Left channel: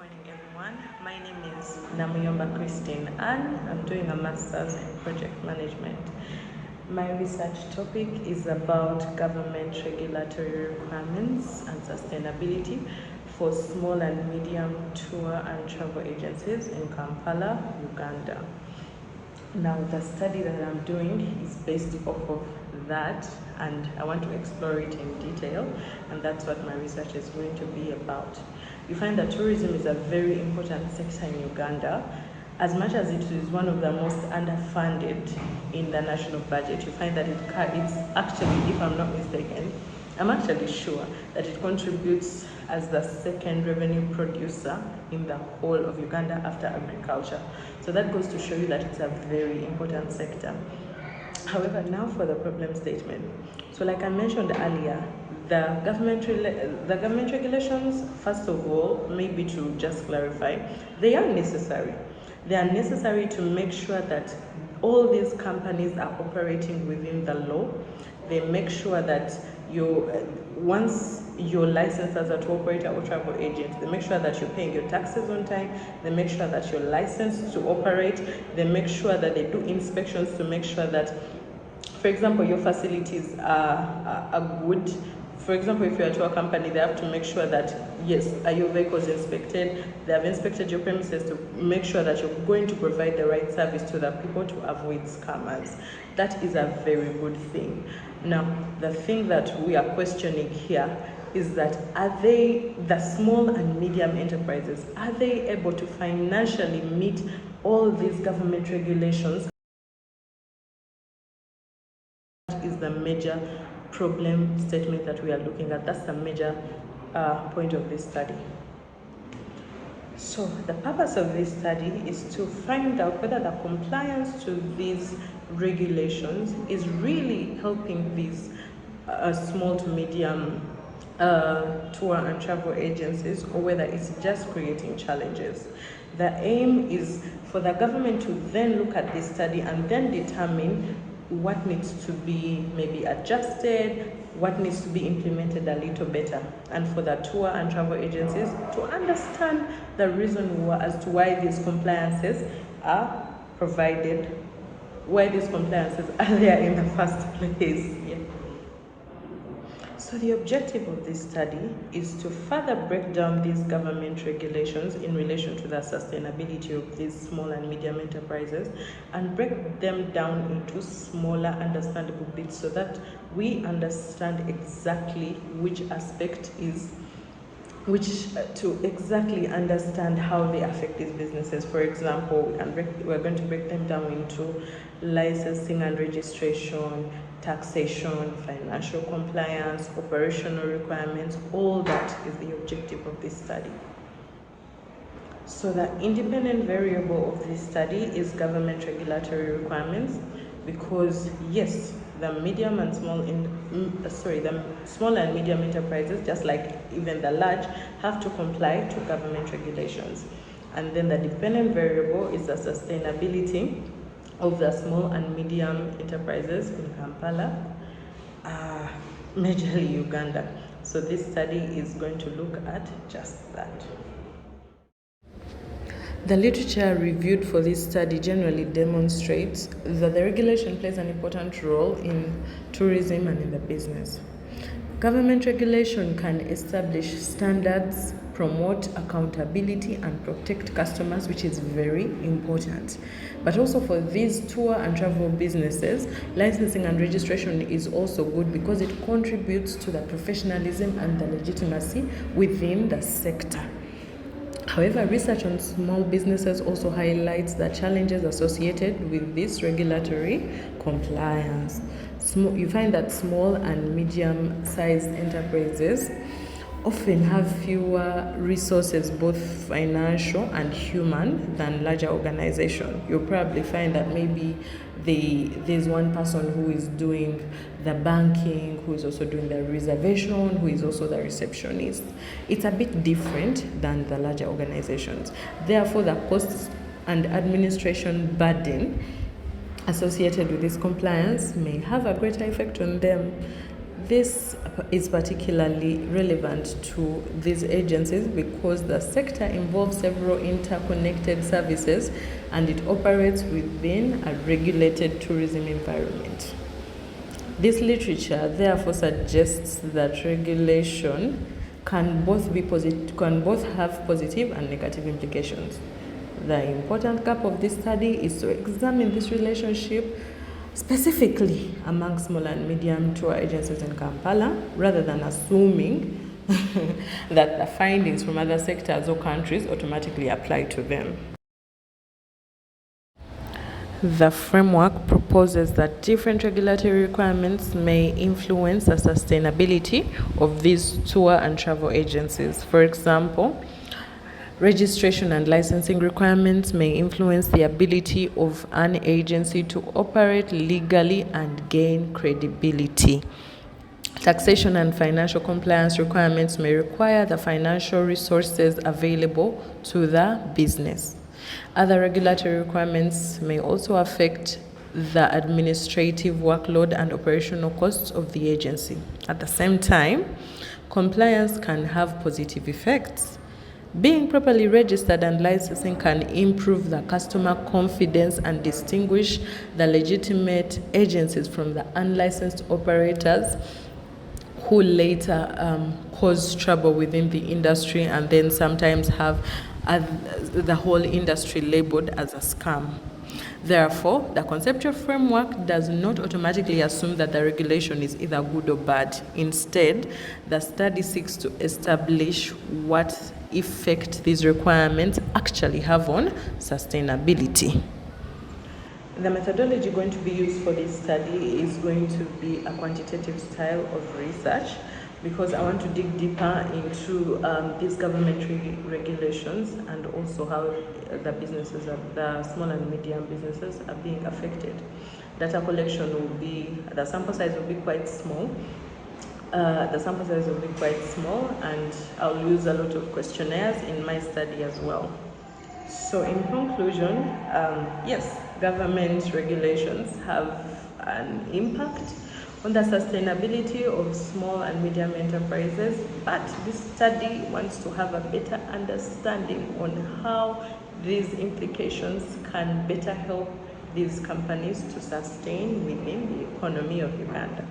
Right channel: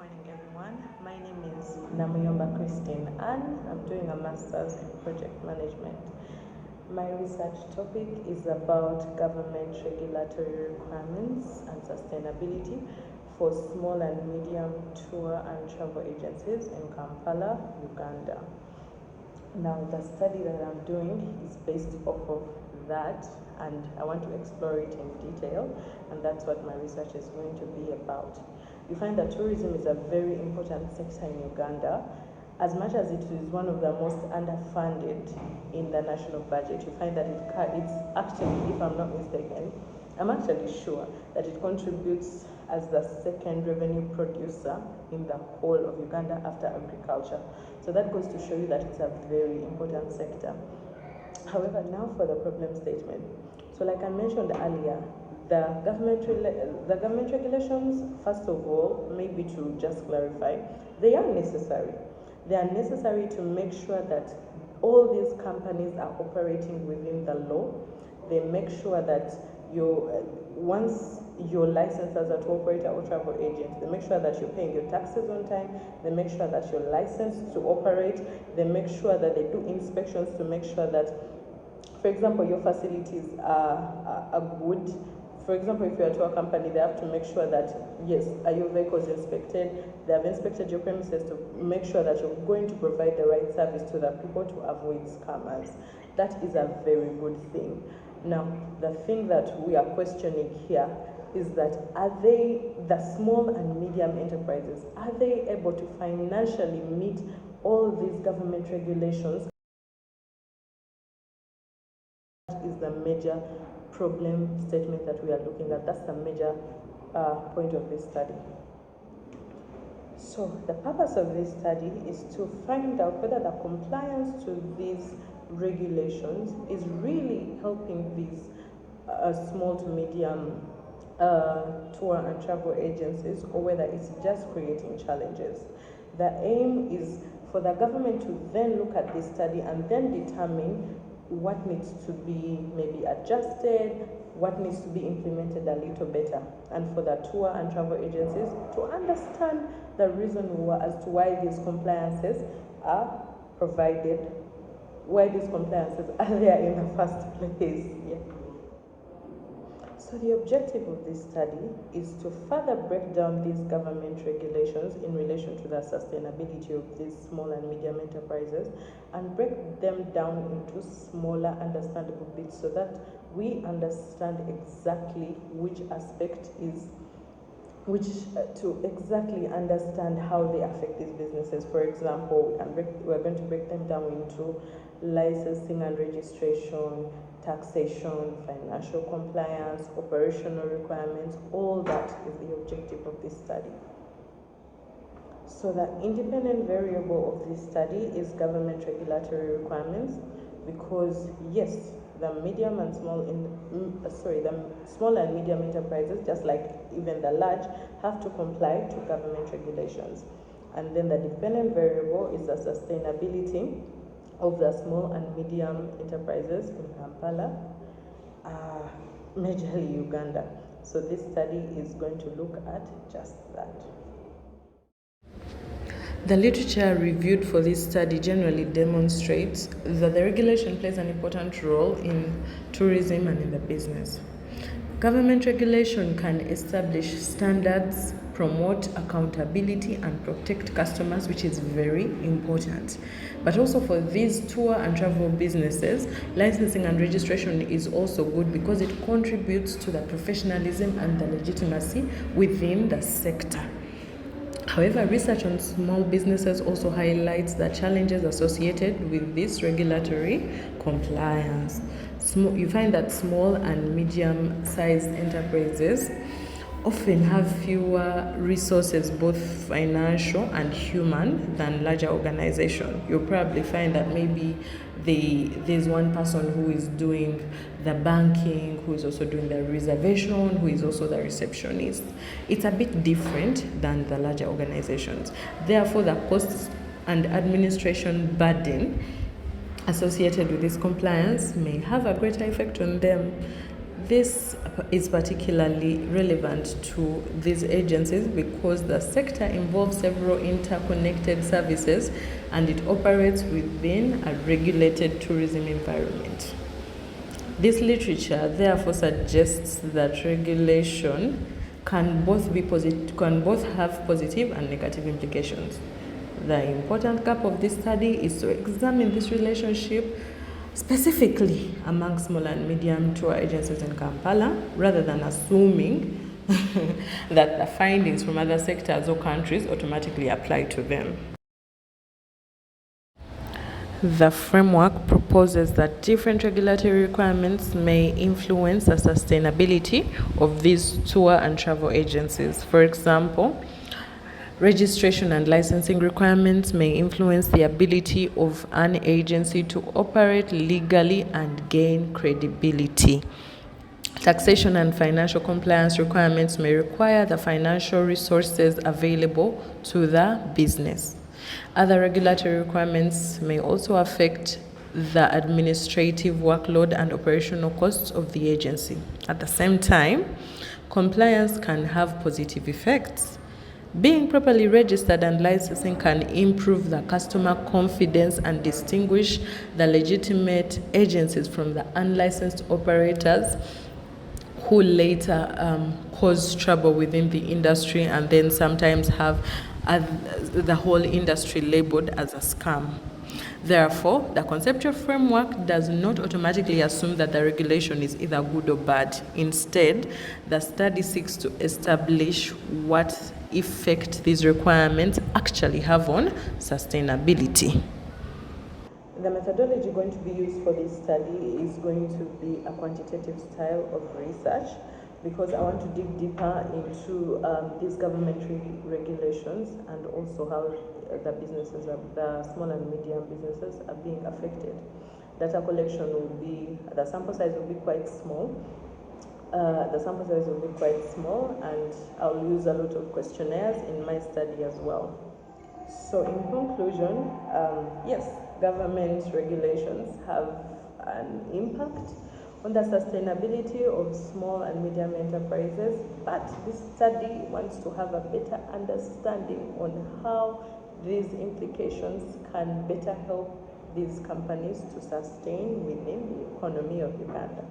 morning, everyone. My name is Namuyomba Christine and I'm doing a master's in project management. My research topic is about government regulatory requirements and sustainability for small and medium tour and travel agencies in Kampala, Uganda. Now, the study that I'm doing is based off of that, and I want to explore it in detail, and that's what my research is going to be about. You find that tourism is a very important sector in Uganda. As much as it is one of the most underfunded in the national budget, you find that it's actually, if I'm not mistaken, I'm actually sure that it contributes as the second revenue producer in the whole of Uganda after agriculture. So that goes to show you that it's a very important sector. However, now for the problem statement. So like I mentioned earlier, the government regulations, first of all, maybe to just clarify, they are necessary. They are necessary to make sure that all these companies are operating within the law. They make sure that once you're licensed as a tour operator or travel agent, they make sure that you're paying your taxes on time. They make sure that you're licensed to operate. They make sure that they do inspections to make sure that, for example, your facilities are good. For example, if you're a tour company, they have to make sure that, yes, are your vehicles inspected? They have inspected your premises to make sure that you're going to provide the right service to the people to avoid scammers. That is a very good thing. Now, the thing that we are questioning here is that are they, the small and medium enterprises, are they able to financially meet all these government regulations? Is the major problem statement that we are looking at. That's the major point of this study. So the purpose of this study is to find out whether the compliance to these regulations is really helping these small to medium tour and travel agencies, or whether it's just creating challenges. The aim is for the government to then look at this study and then determine what needs to be maybe adjusted, what needs to be implemented a little better, and for the tour and travel agencies to understand the reason as to why these compliances are provided, why these compliances are there in the first place. So the objective of this study is to further break down these government regulations in relation to the sustainability of these small and medium enterprises and break them down into smaller understandable bits so that we understand exactly which aspect is to exactly understand how they affect these businesses. For example, we're going to break them down into licensing and registration, taxation, financial compliance, operational requirements. All that is the objective of this study. So the independent variable of this study is government regulatory requirements, because yes, the small and medium enterprises, just like even the large, have to comply to government regulations. And then the dependent variable is the sustainability of the small and medium enterprises in Kampala, majorly Uganda. So this study is going to look at just that. The literature reviewed for this study generally demonstrates that the regulation plays an important role in tourism and in the business. Government regulation can establish standards, promote accountability, and protect customers, which is very important. But also for these tour and travel businesses, licensing and registration is also good because it contributes to the professionalism and the legitimacy within the sector. However, research on small businesses also highlights the challenges associated with this regulatory compliance. You find that small and medium-sized enterprises often have fewer resources, both financial and human, than larger organizations. You'll probably find that maybe there's one person who is doing the banking, who is also doing the reservation, who is also the receptionist. It's a bit different than the larger organizations. Therefore, the costs and administration burden associated with this compliance may have a greater effect on them. this is particularly relevant to these agencies because the sector involves several interconnected services and it operates within a regulated tourism environment. This literature therefore suggests that regulation can both have positive and negative implications. The important gap of this study is to examine this relationship specifically among small and medium tour agencies in Kampala, rather than assuming that the findings from other sectors or countries automatically apply to them. The framework proposes that different regulatory requirements may influence the sustainability of these tour and travel agencies. For example, registration and licensing requirements may influence the ability of an agency to operate legally and gain credibility. Taxation and financial compliance requirements may require the financial resources available to the business. Other regulatory requirements may also affect the administrative workload and operational costs of the agency. At the same time, compliance can have positive effects. Being properly registered and licensing can improve the customer confidence and distinguish the legitimate agencies from the unlicensed operators who later cause trouble within the industry and then sometimes have the whole industry labeled as a scam. Therefore, the conceptual framework does not automatically assume that the regulation is either good or bad. Instead, the study seeks to establish what effect these requirements actually have on sustainability. The methodology going to be used for this study is going to be a quantitative style of research, because I want to dig deeper into these governmentary regulations and also how the businesses, the small and medium businesses, are being affected. Data collection will be, the sample size will be quite small. And I'll use a lot of questionnaires in my study as well. So in conclusion, yes, government regulations have an impact on the sustainability of small and medium enterprises, but this study wants to have a better understanding on how these implications can better help these companies to sustain within the economy of Uganda.